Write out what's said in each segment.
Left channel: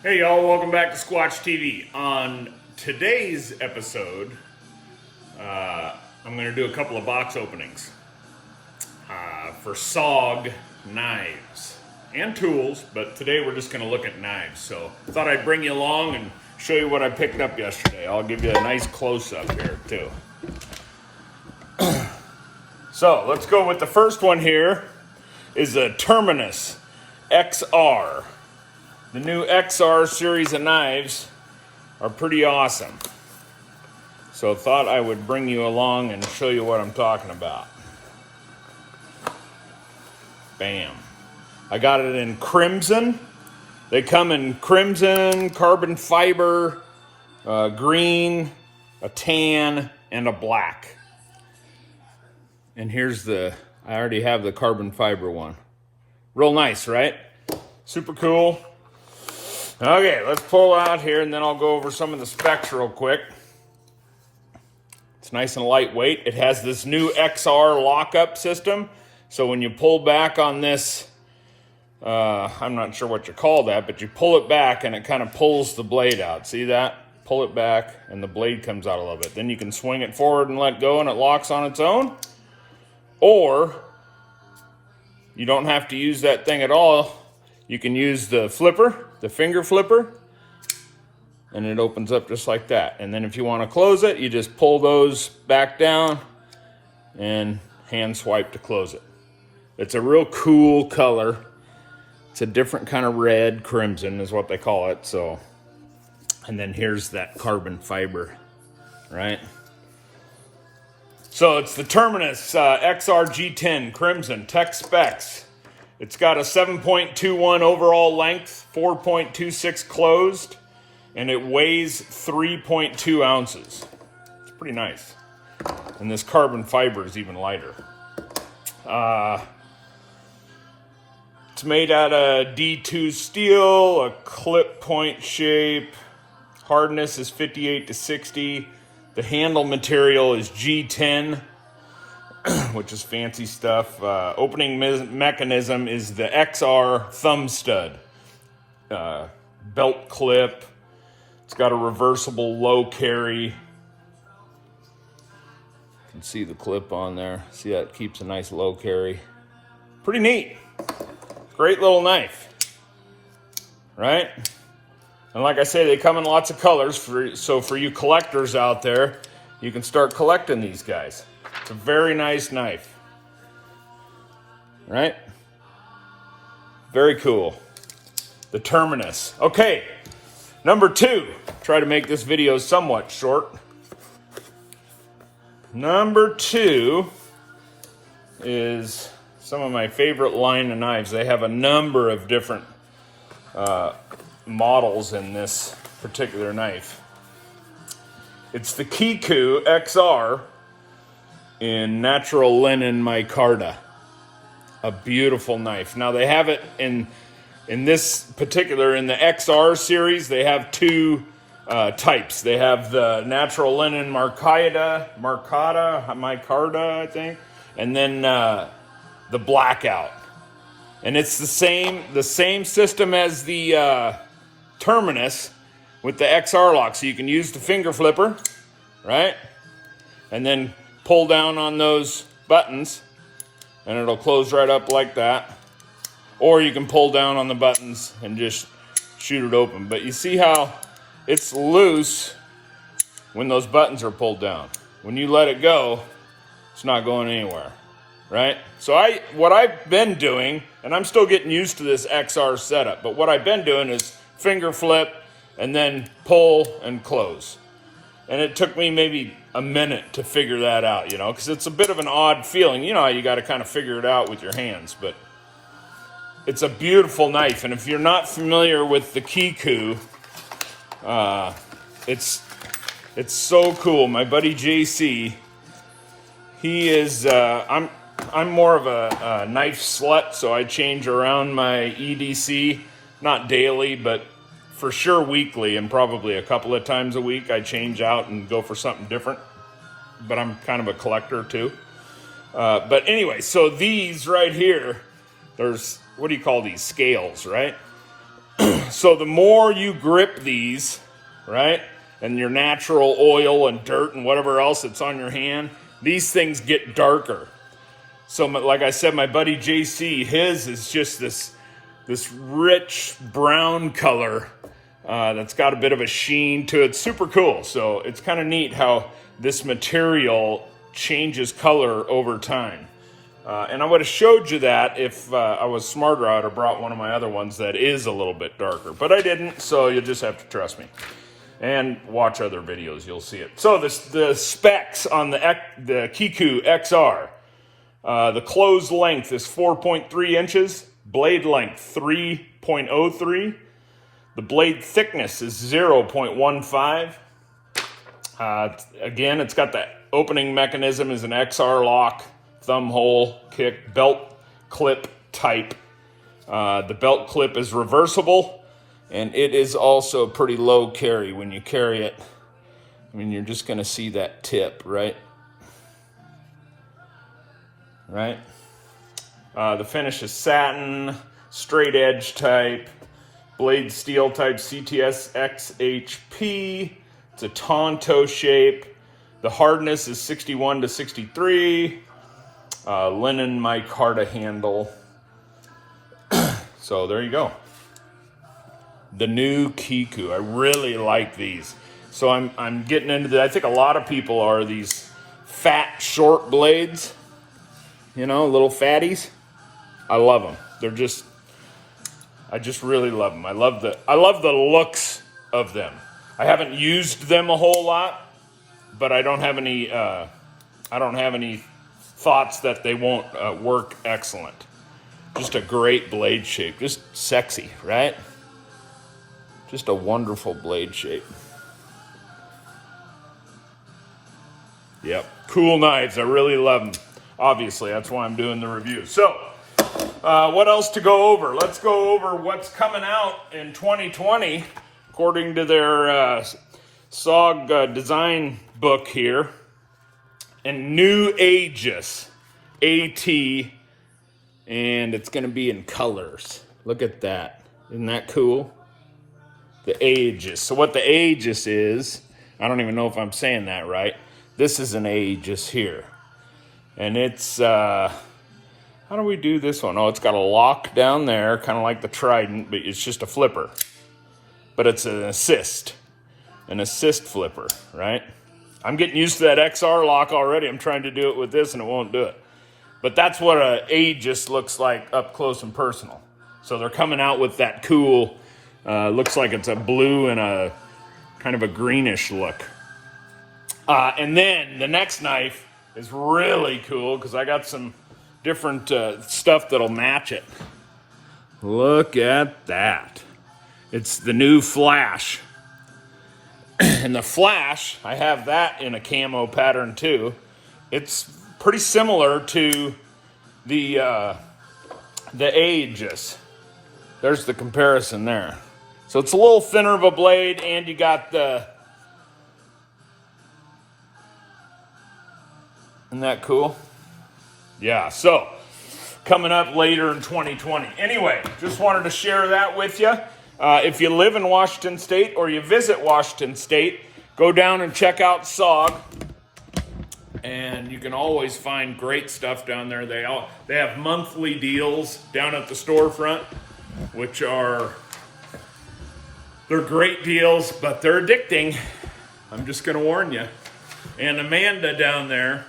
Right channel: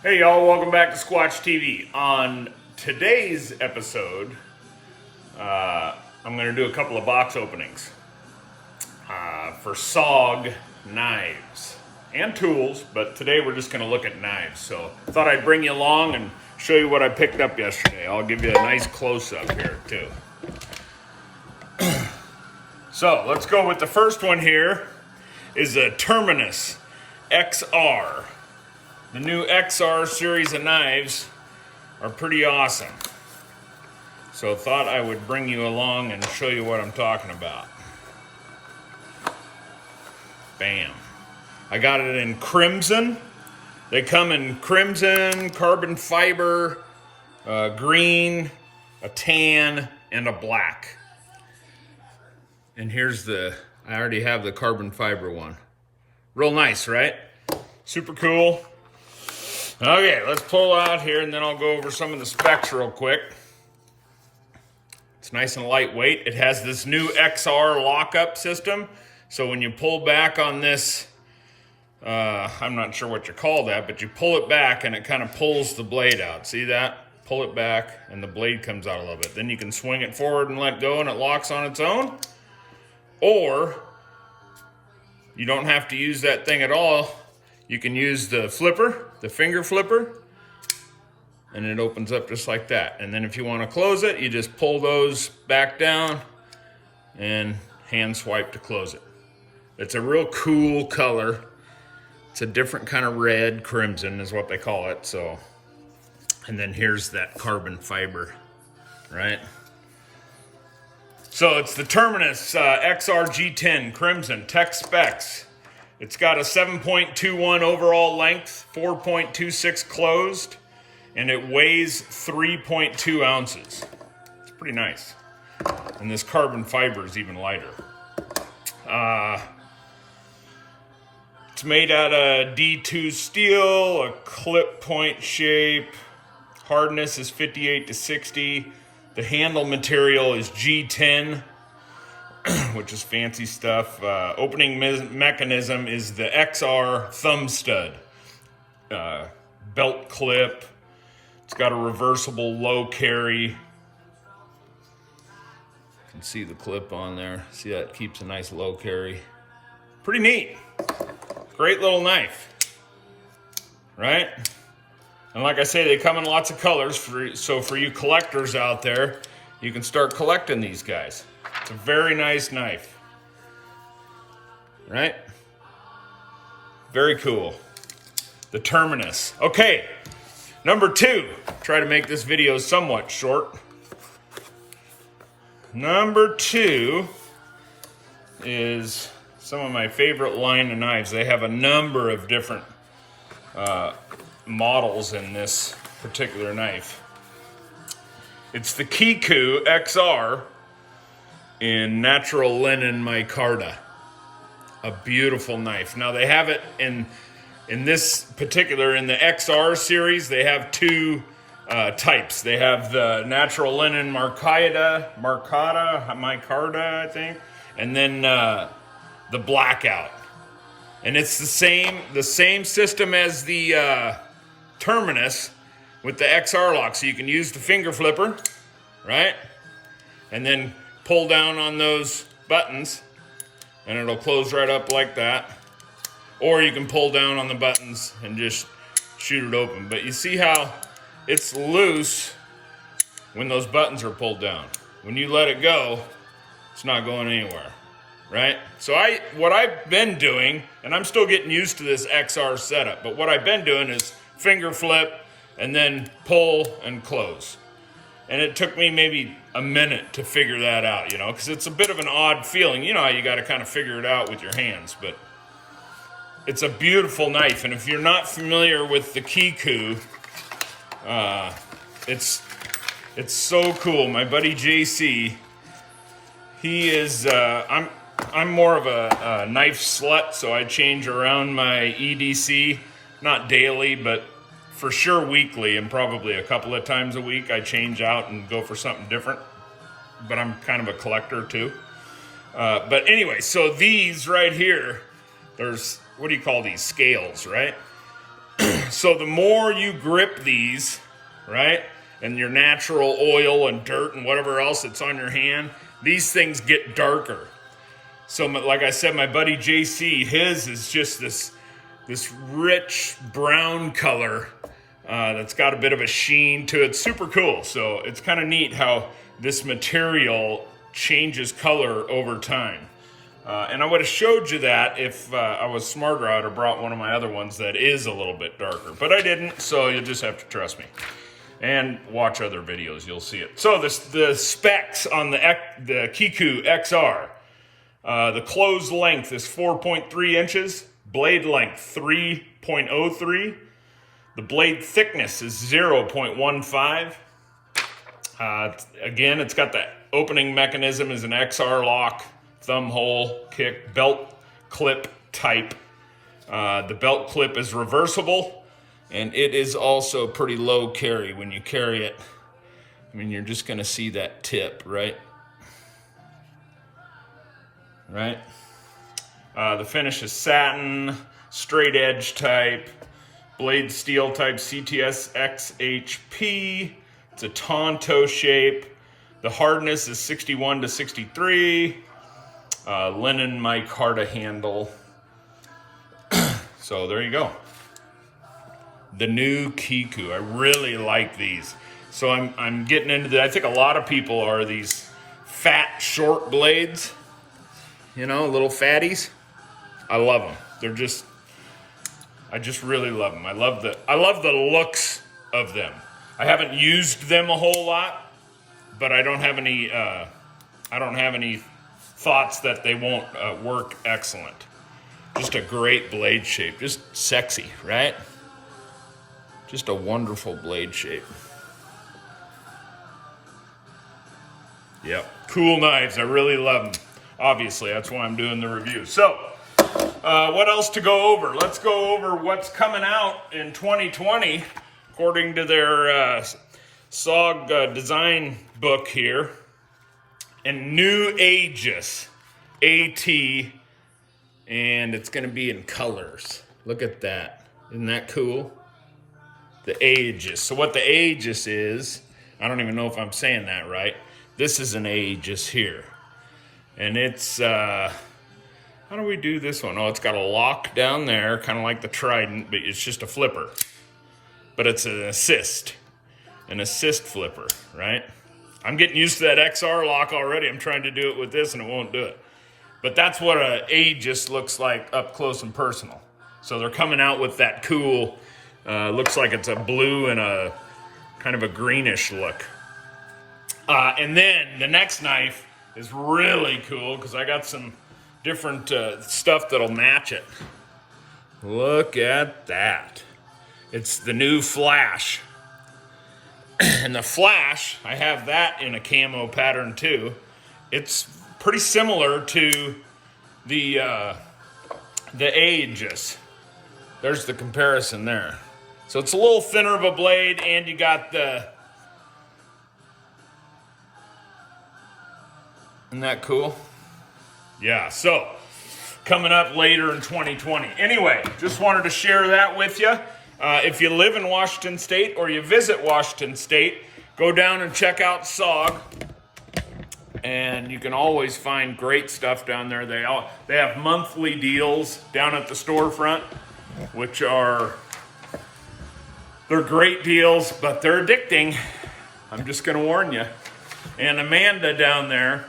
Hey y'all, welcome back to Squatch TV. On today's episode, I'm going to do a couple of box openings for SOG knives and tools, but today we're just going to look at knives. So I thought I'd bring you along and show you what I picked up yesterday. I'll give you a nice close-up here too. So let's go with the first one here is a Terminus XR. The new XR series of knives are pretty awesome. So thought I would bring you along and show you what I'm talking about. Bam. I got it in crimson. They come in crimson, carbon fiber, green, a tan, and a black. And here's I already have the carbon fiber one. Real nice, right? Super cool. Okay, let's pull out here and then I'll go over some of the specs real quick. It's nice and lightweight. It has this new XR lockup system. So when you pull back on this, I'm not sure what you call that, but you pull it back and it kind of pulls the blade out. See that? Pull it back and the blade comes out a little bit. Then you can swing it forward and let go and it locks on its own. Or you don't have to use that thing at all. You can use the flipper, the finger flipper, and it opens up just like that. And then if you want to close it, you just pull those back down and hand swipe to close it. It's a real cool color. It's a different kind of red, crimson is what they call it. So, and then here's that carbon fiber, right? So it's the Terminus XR G10 Crimson Tech Specs. It's got a 7.21 overall length, 4.26 closed, and it weighs 3.2 ounces. It's pretty nice. And this carbon fiber is even lighter. It's made out of D2 steel, a clip point shape. Hardness is 58 to 60. The handle material is G10. Which is fancy stuff. Opening mechanism is the XR thumb stud. Belt clip. It's got a reversible low carry. You can see the clip on there. See that? It keeps a nice low carry. Pretty neat. Great little knife. Right? And like I say, they come in lots of colors. So for you collectors out there, you can start collecting these guys. It's a very nice knife, right? Very cool. The Terminus. Okay, number two. Try to make this video somewhat short. Number two is some of my favorite line of knives. They have a number of different models in this particular knife. It's the KIKU XR in natural linen micarta. A beautiful knife. Now they have it in this particular, in the XR series, they have two types. They have the natural linen micarta, I think, and then the blackout. And it's the same system as the Terminus with the XR lock. So you can use the finger flipper, right? And then pull down on those buttons and it'll close right up like that. Or you can pull down on the buttons and just shoot it open. But you see how it's loose when those buttons are pulled down. When you let it go, it's not going anywhere, right? So what I've been doing, and I'm still getting used to this XR setup, but what I've been doing is finger flip and then pull and close. And it took me maybe a minute to figure that out, because it's a bit of an odd feeling. You know how you got to kind of figure it out with your hands, but it's a beautiful knife. And if you're not familiar with the KIKU, it's so cool. My buddy JC, he is, I'm more of a knife slut, so I change around my EDC, not daily, but for sure weekly, and probably a couple of times a week I change out and go for something different. But I'm kind of a collector too. But anyway, so these right here, there's, what do you call these? Scales, right? So the more you grip these, right, and your natural oil and dirt and whatever else that's on your hand, these things get darker. So like I said, my buddy JC, his is just this rich brown color that's got a bit of a sheen to it. Super cool. So it's kind of neat how this material changes color over time. And I would have showed you that if I was smarter. I would have brought one of my other ones that is a little bit darker, but I didn't, so you'll just have to trust me and watch other videos. You'll see it. So the specs on the KIKU XR, the closed length is 4.3 inches, blade length 3.03, the blade thickness is 0.15. Again, it's got the opening mechanism is an XR lock, thumb hole, kick, belt clip type. The belt clip is reversible, and it is also pretty low carry when you carry it. I mean, you're just gonna see that tip, right? Right? The finish is satin, straight edge type, blade steel type CTS XHP. It's a Tonto shape. The hardness is 61 to 63. Linen micarta handle. So there you go. The new KIKU. I really like these. So I'm getting into the, I think a lot of people are these fat, short blades. You know, little fatties. I love them. They're just, I just really love them. I love the looks of them. I haven't used them a whole lot, but I don't have any thoughts that they won't work excellent. Just a great blade shape. Just sexy, right? Just a wonderful blade shape. Yep. Cool knives. I really love them. Obviously, that's why I'm doing the review. So, what else to go over? Let's go over what's coming out in 2020, according to their SOG design book here. And new Aegis, AT, and it's going to be in colors. Look at that. Isn't that cool? The Aegis. So what the Aegis is, I don't even know if I'm saying that right. This is an Aegis here. And it's, how do we do this one? Oh, it's got a lock down there, kind of like the Trident, but it's just a flipper. But it's an assist flipper, right? I'm getting used to that XR lock already. I'm trying to do it with this and it won't do it. But that's what an Aegis looks like up close and personal. So they're coming out with that cool, looks like it's a blue and a kind of a greenish look. And then the next knife is really cool because I got some different stuff that'll match it. Look at that. It's the new Flash. And the Flash, I have that in a camo pattern too. It's pretty similar to the Aegis. There's the comparison there. So it's a little thinner of a blade, and you got the... Isn't that cool? Yeah, so coming up later in 2020. Anyway, just wanted to share that with you. If you live in Washington State or you visit Washington State, go down and check out SOG. And you can always find great stuff down there. They have monthly deals down at the storefront, which they're great deals, but they're addicting. I'm just going to warn you. And Amanda down there,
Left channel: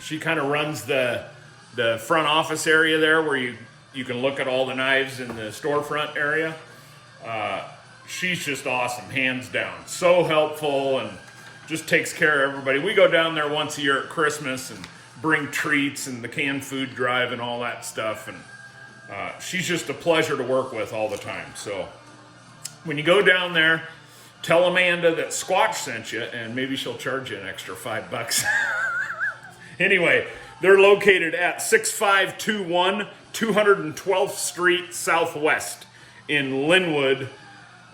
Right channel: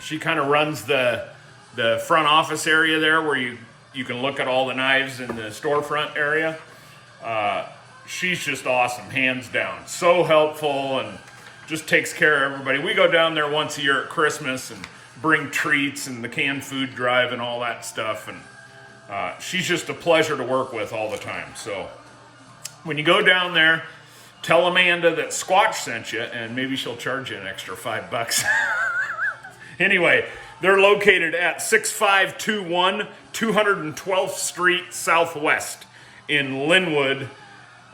she kind of runs the front office area there where you can look at all the knives in the storefront area. She's just awesome, hands down. So helpful and just takes care of everybody. We go down there once a year at Christmas and bring treats and the canned food drive and all that stuff. And she's just a pleasure to work with all the time. So when you go down there, tell Amanda that Squatch sent you, and maybe she'll charge you an extra $5. Anyway, they're located at 6521 212th Street Southwest in Lynnwood,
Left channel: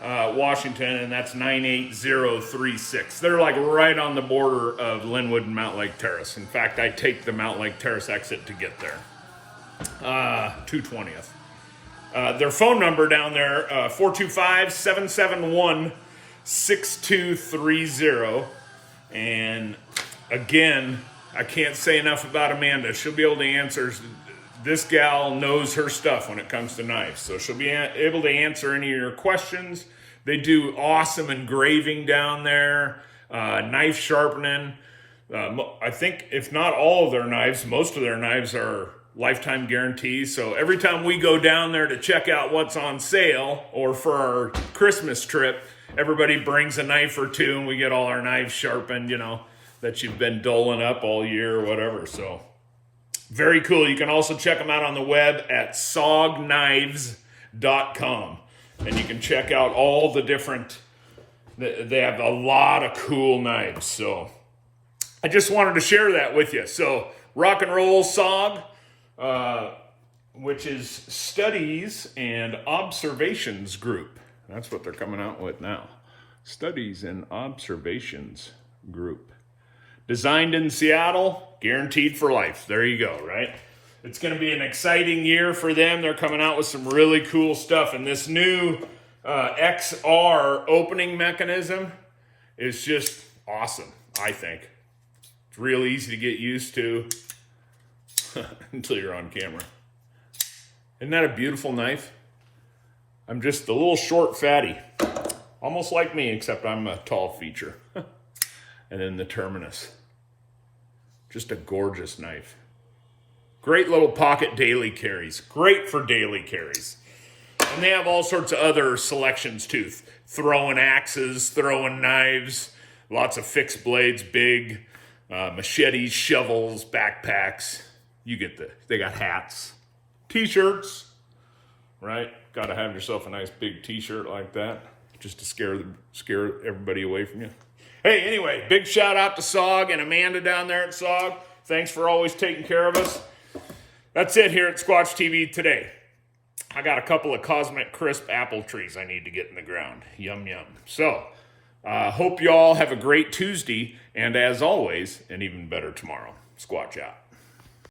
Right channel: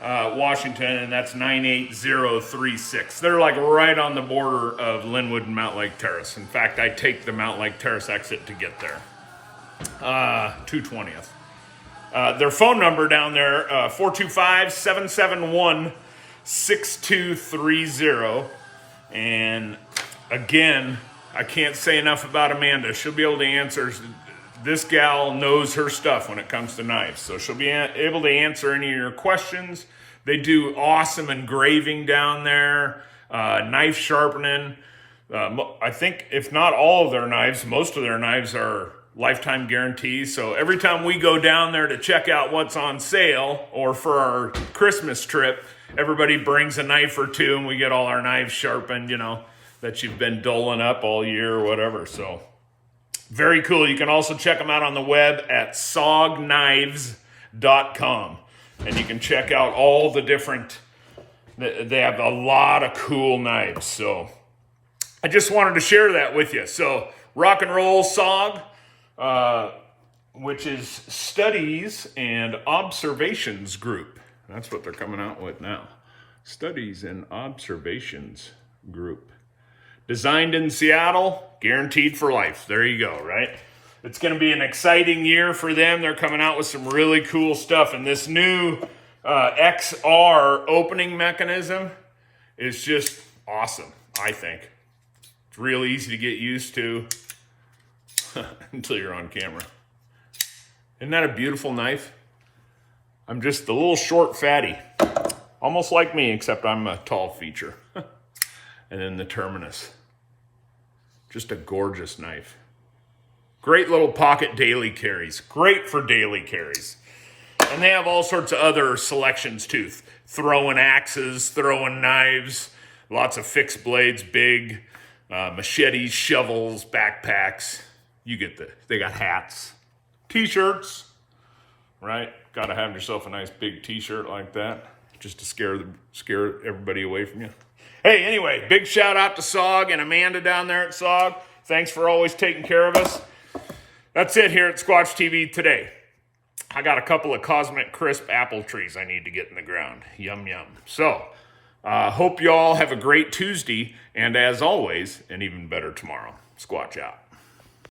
Washington, and that's 98036. They're like right on the border of Lynnwood and Mount Lake Terrace. In fact, I take the Mount Lake Terrace exit to get there. 220th. Their phone number down there, 425-771-6230. And again, I can't say enough about Amanda. She'll be able to answer. This gal knows her stuff when it comes to knives. So she'll be able to answer any of your questions. They do awesome engraving down there, knife sharpening. I think if not all of their knives, most of their knives are lifetime guarantees. So every time we go down there to check out what's on sale, or for our Christmas trip, everybody brings a knife or two and we get all our knives sharpened, that you've been doling up all year or whatever. So very cool. You can also check them out on the web at SOGknives.com. And you can check out all the different, they have a lot of cool knives. So I just wanted to share that with you. So rock and roll SOG, which is Studies and Observations Group. That's what they're coming out with now. Studies and Observations Group. Designed in Seattle, guaranteed for life. There you go, right? It's going to be an exciting year for them. They're coming out with some really cool stuff. And this new XR opening mechanism is just awesome, I think. It's real easy to get used to until you're on camera. Isn't that a beautiful knife? I'm just a little short fatty. Almost like me, except I'm a tall feature. And then the Terminus. Just a gorgeous knife. Great little pocket daily carries. Great for daily carries. And they have all sorts of other selections too. Throwing axes, throwing knives, lots of fixed blades, big machetes, shovels, backpacks. You get they got hats, t-shirts, right? Got to have yourself a nice big t-shirt like that just to scare everybody away from you. Hey, anyway, big shout out to SOG and Amanda down there at SOG. Thanks for always taking care of us. That's it here at Squatch TV today. I got a couple of Cosmic Crisp apple trees I need to get in the ground. Yum, yum. So, hope you all have a great Tuesday, and as always, an even better tomorrow. Squatch out.